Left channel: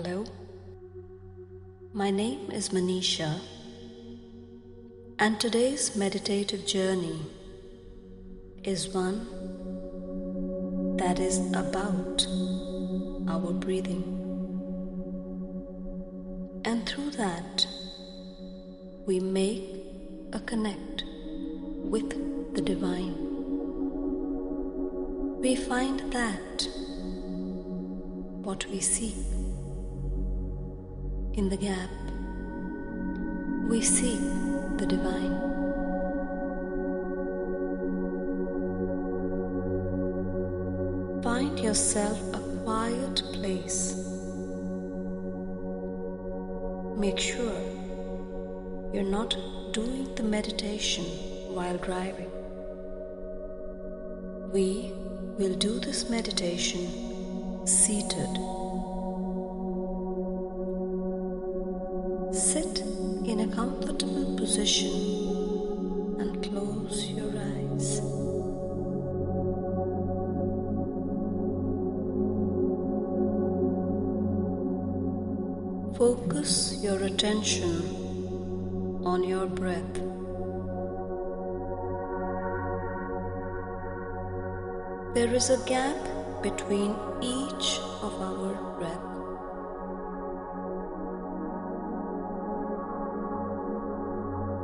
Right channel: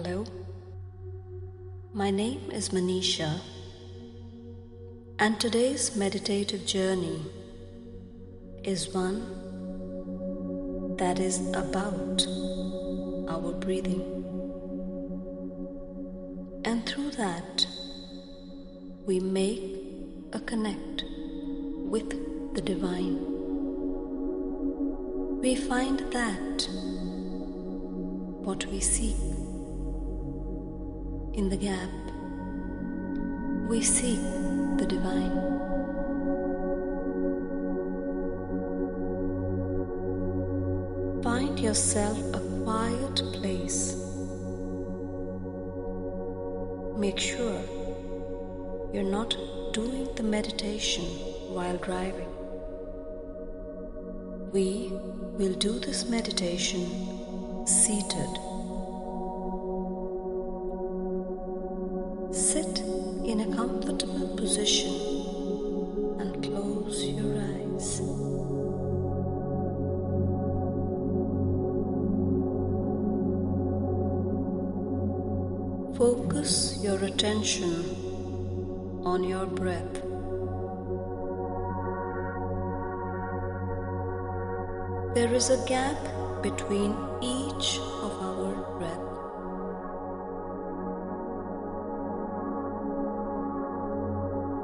Hello, my name is Manisha, and today's meditative journey is one that is about our breathing. And through that, we make a connect with the divine. We find that what we seek in the gap, we seek the divine. Find yourself a quiet place. Make sure you're not doing the meditation while driving. We will do this meditation seated. Sit in a comfortable position and close your eyes. Focus your attention on your breath. There is a gap between each of our breaths.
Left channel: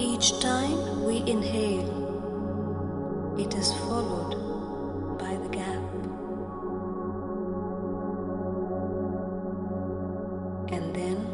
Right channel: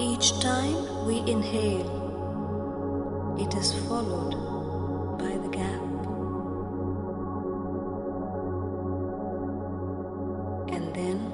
Each time we inhale, it is followed by the gap. And then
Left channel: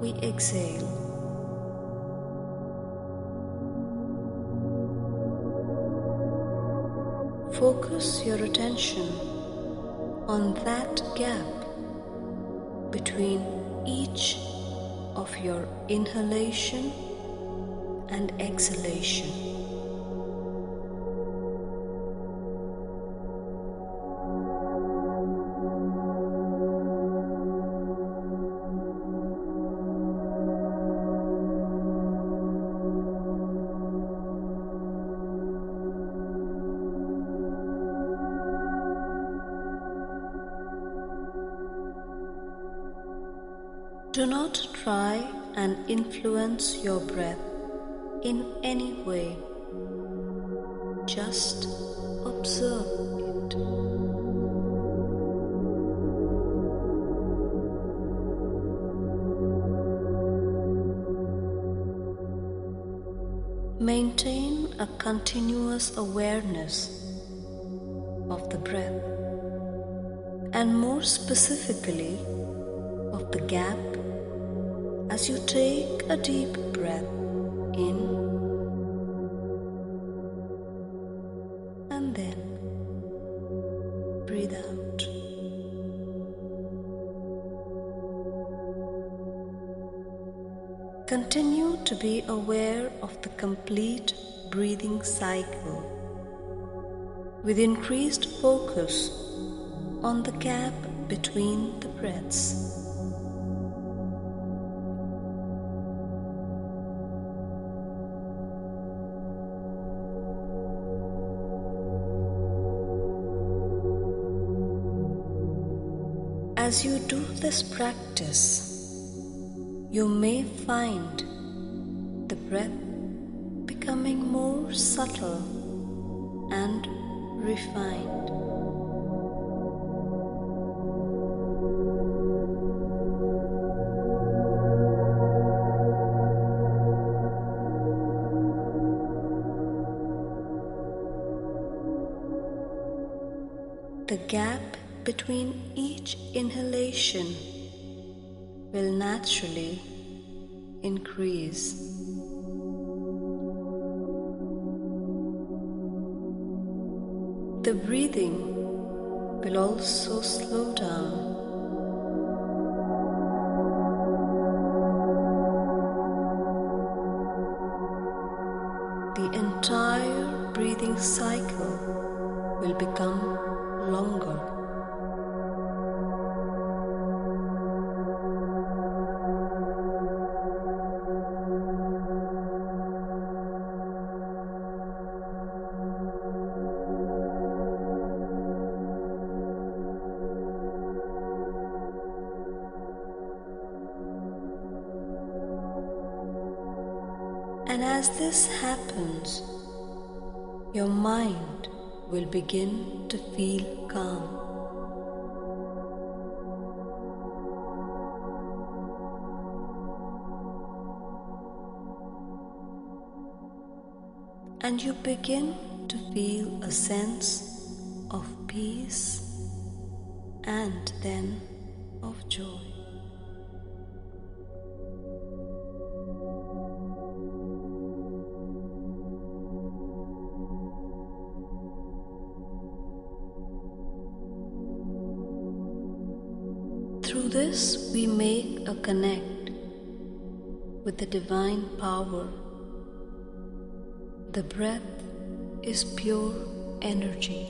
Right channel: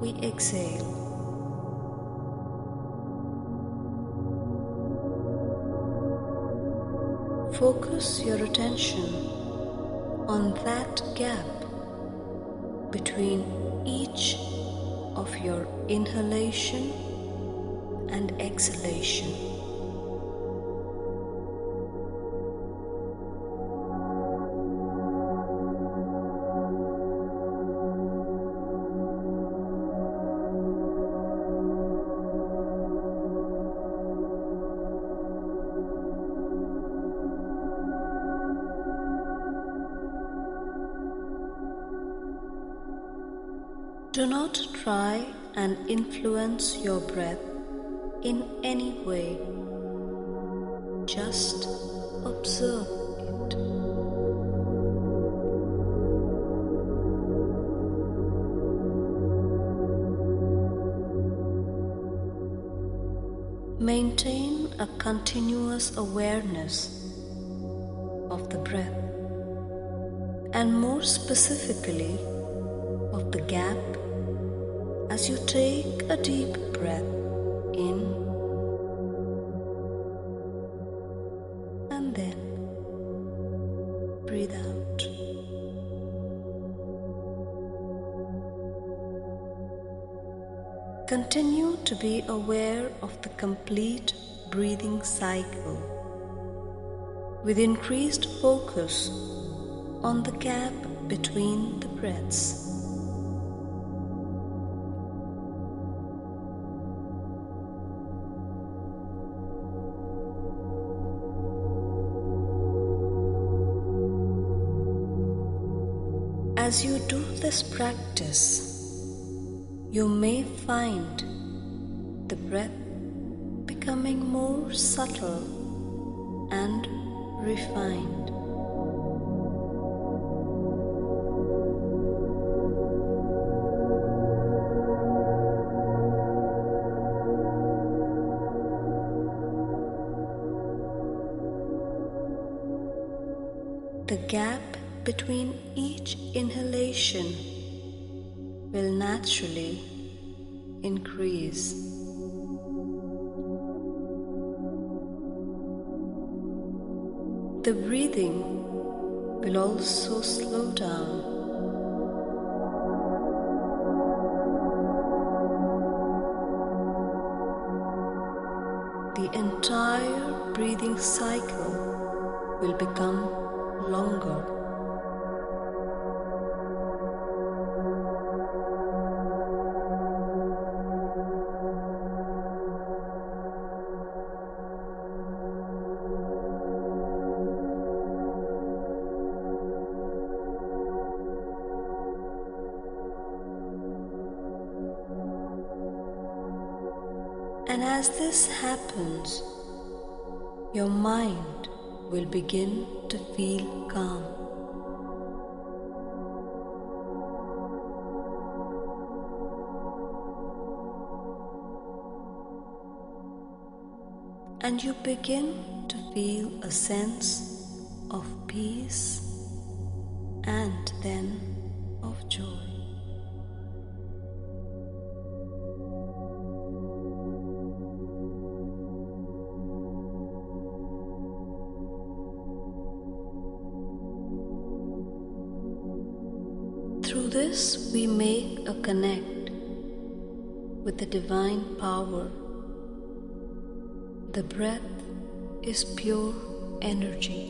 we exhale. Focus your attention on that gap between each of your inhalation and exhalation. Do not try and influence your breath in any way. Just observe it. Maintain a continuous awareness of the breath, and more specifically of the gap as you take a deep breath in and then breathe out. Continue to be aware of the complete breathing cycle with increased focus on the gap between the breaths. As you do this practice, you may find the breath becoming more subtle and refined. The gap between each inhalation will naturally increase. The breathing will also slow down. The entire breathing cycle will become longer. And as this happens, your mind will begin to feel calm. And you begin to feel a sense of peace and then of joy. Through this, we make a connect with the divine power. The breath is pure energy.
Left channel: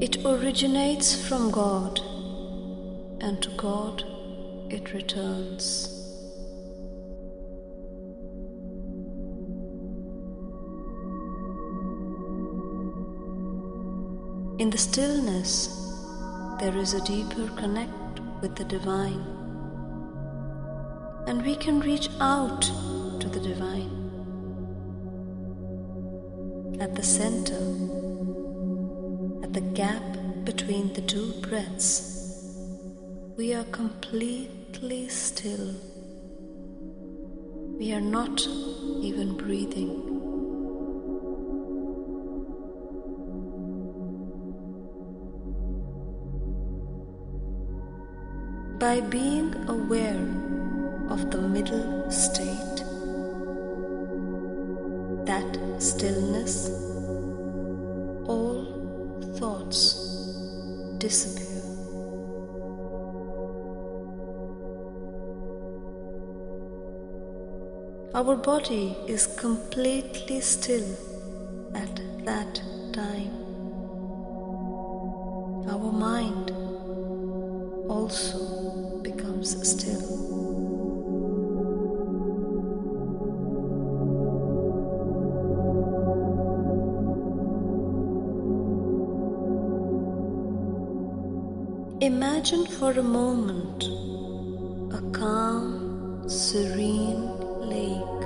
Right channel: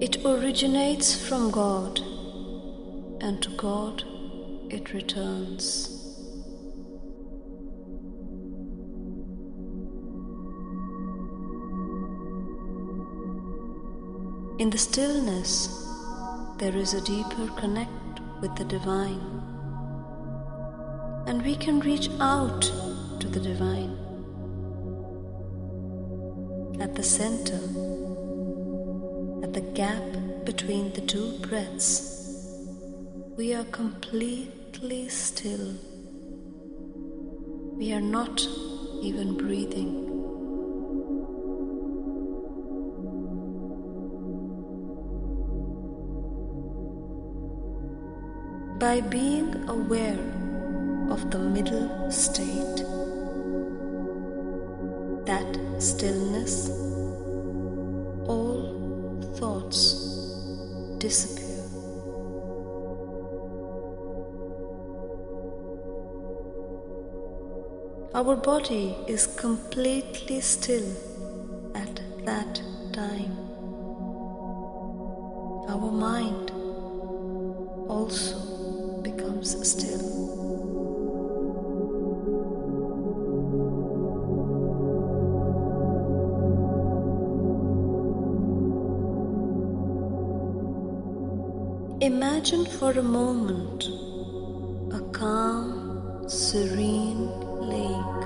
It originates from God, and to God it returns. In the stillness, there is a deeper connect with the divine, and we can reach out to the divine. At the center, at the gap between the two breaths, we are completely still. We are not even breathing. By being aware of the middle state, that stillness, all thoughts disappear. Our body is completely still at that time. Our mind also becomes still. Imagine for a moment a calm, serene lake.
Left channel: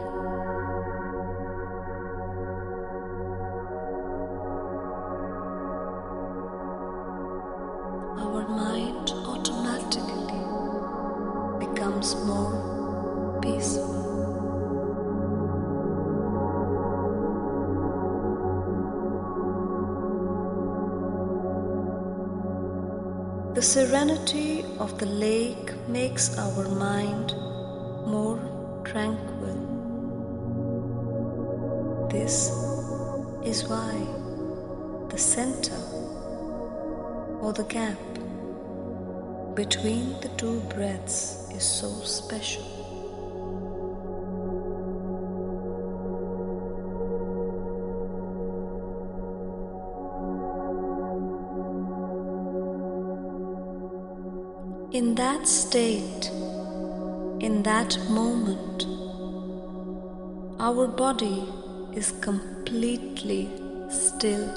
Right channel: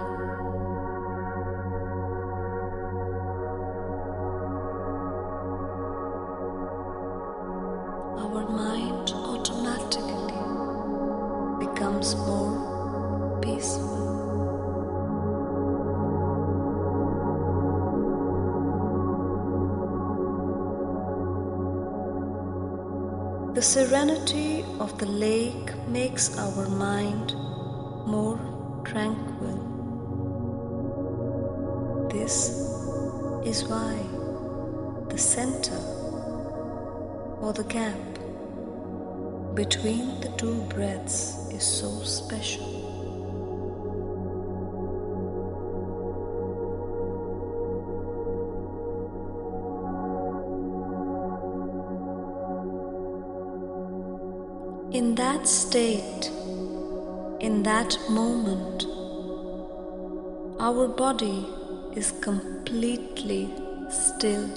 Our mind automatically becomes more peaceful. The serenity of the lake makes our mind more tranquil. This is why the center or the gap between the two breaths is so special. In that state, in that moment, our body is completely still.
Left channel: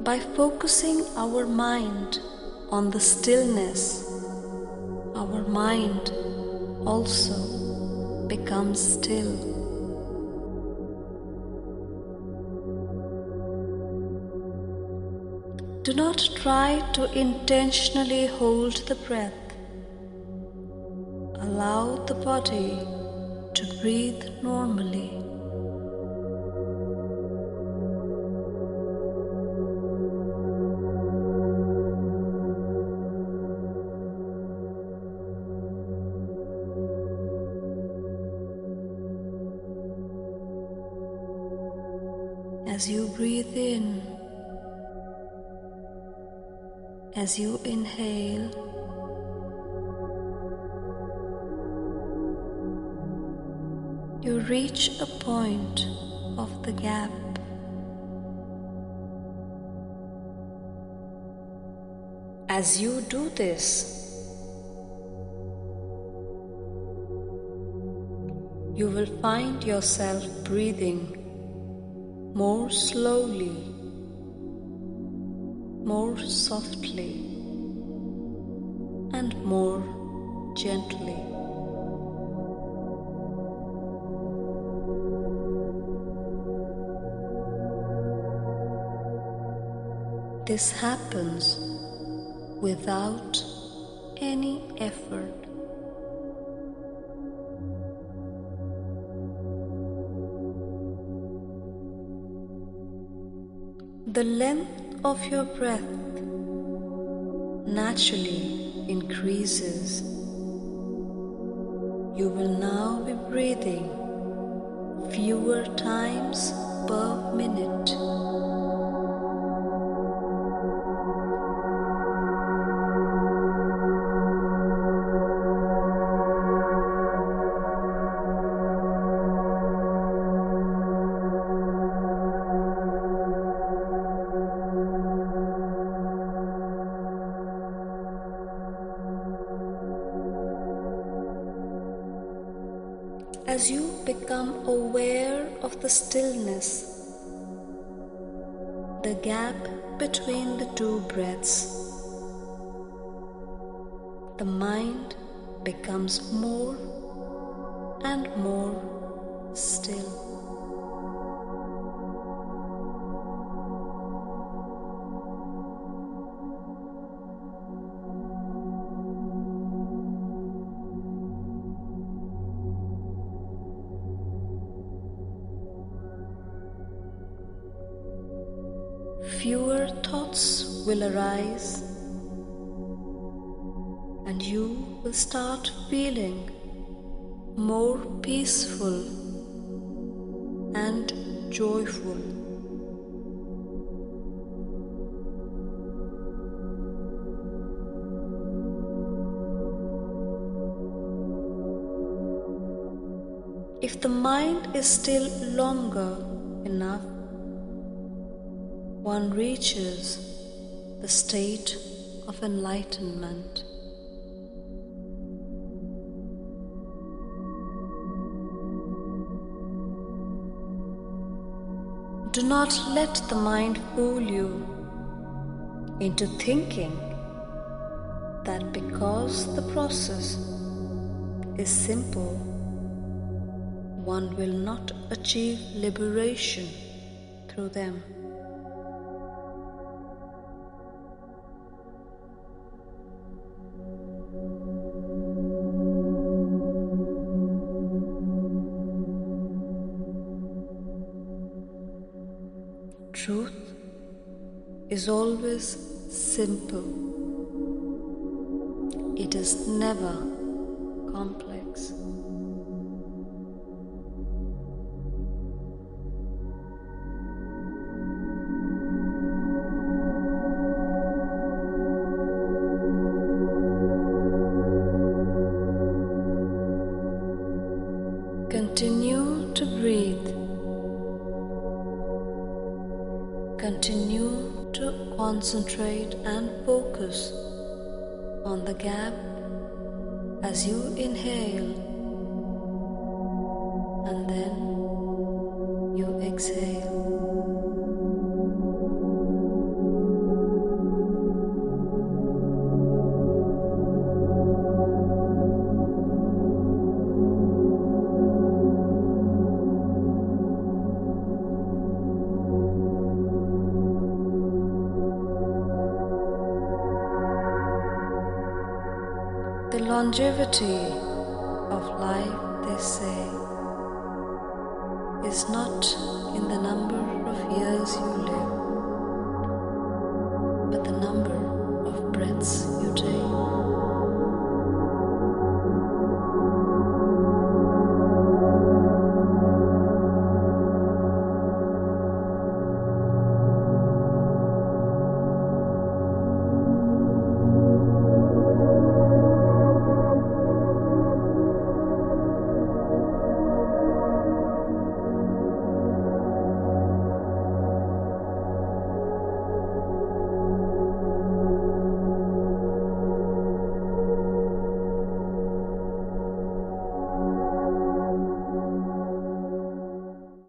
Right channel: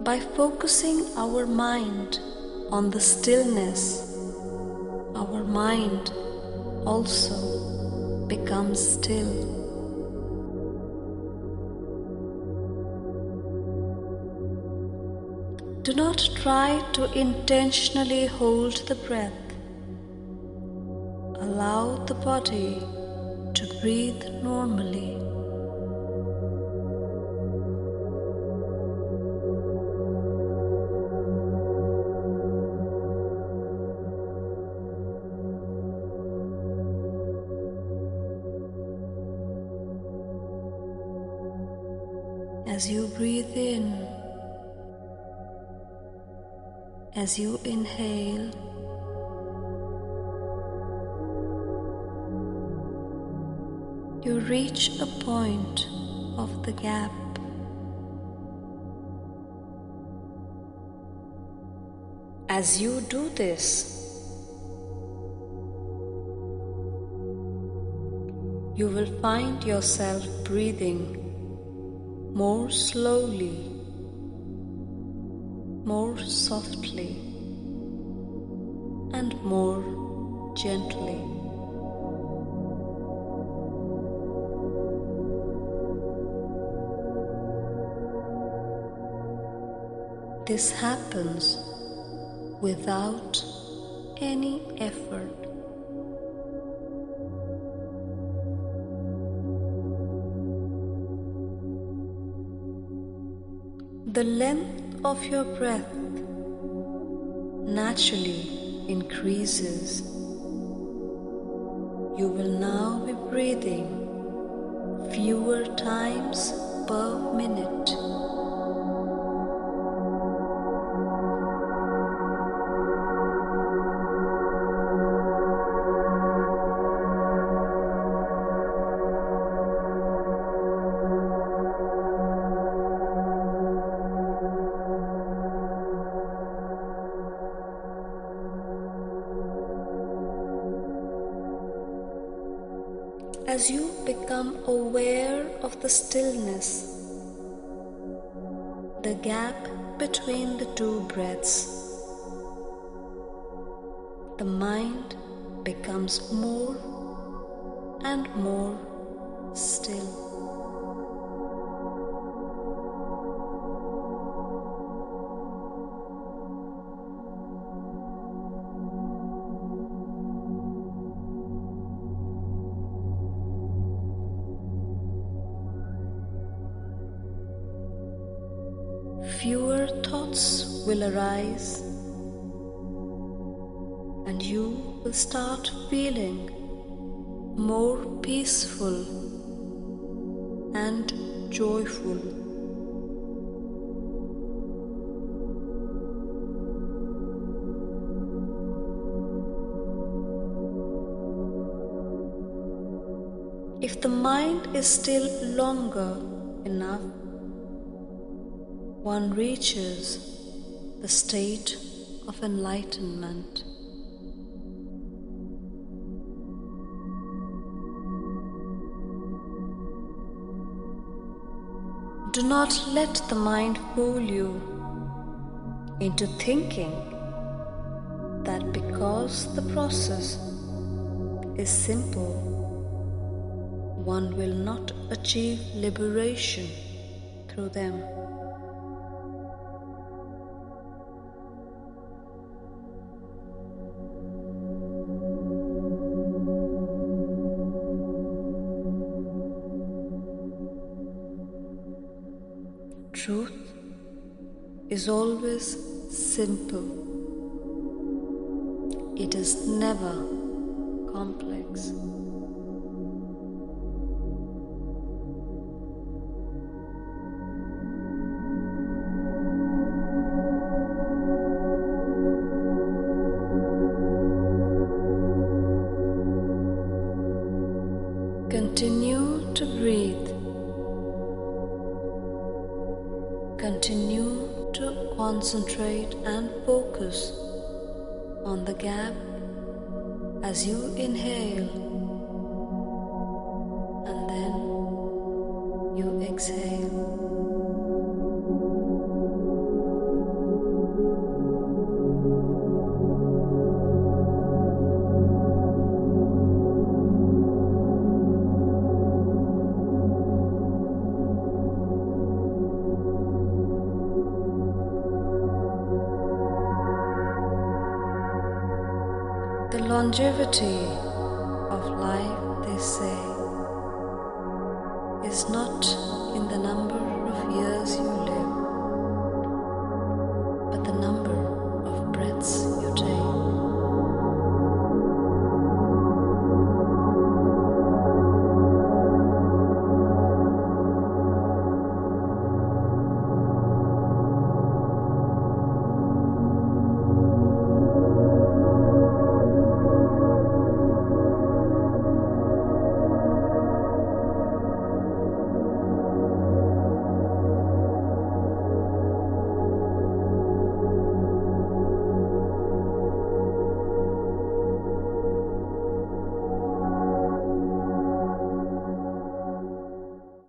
By focusing our mind on the stillness, our mind also becomes still. Do not try to intentionally hold the breath. Allow the body to breathe normally. As you breathe in, as you inhale, you reach a point of the gap. As you do this, you will find yourself breathing more slowly, more softly, and more gently. This happens without any effort. The length of your breath naturally increases. You will now be breathing fewer times per minute. As you become aware of the stillness, the gap between the two breaths, the mind becomes more and more still. Fewer thoughts will arise, and you will start feeling more peaceful and joyful. If the mind is still longer enough, one reaches the state of enlightenment. Do not let the mind fool you into thinking that because the process is simple, one will not achieve liberation through them. Truth is always simple. It is never complex. Continue to breathe. Continue to concentrate and focus on the gap as you inhale and then you exhale. The longevity of life, they say, is not in the number of years you live, but the number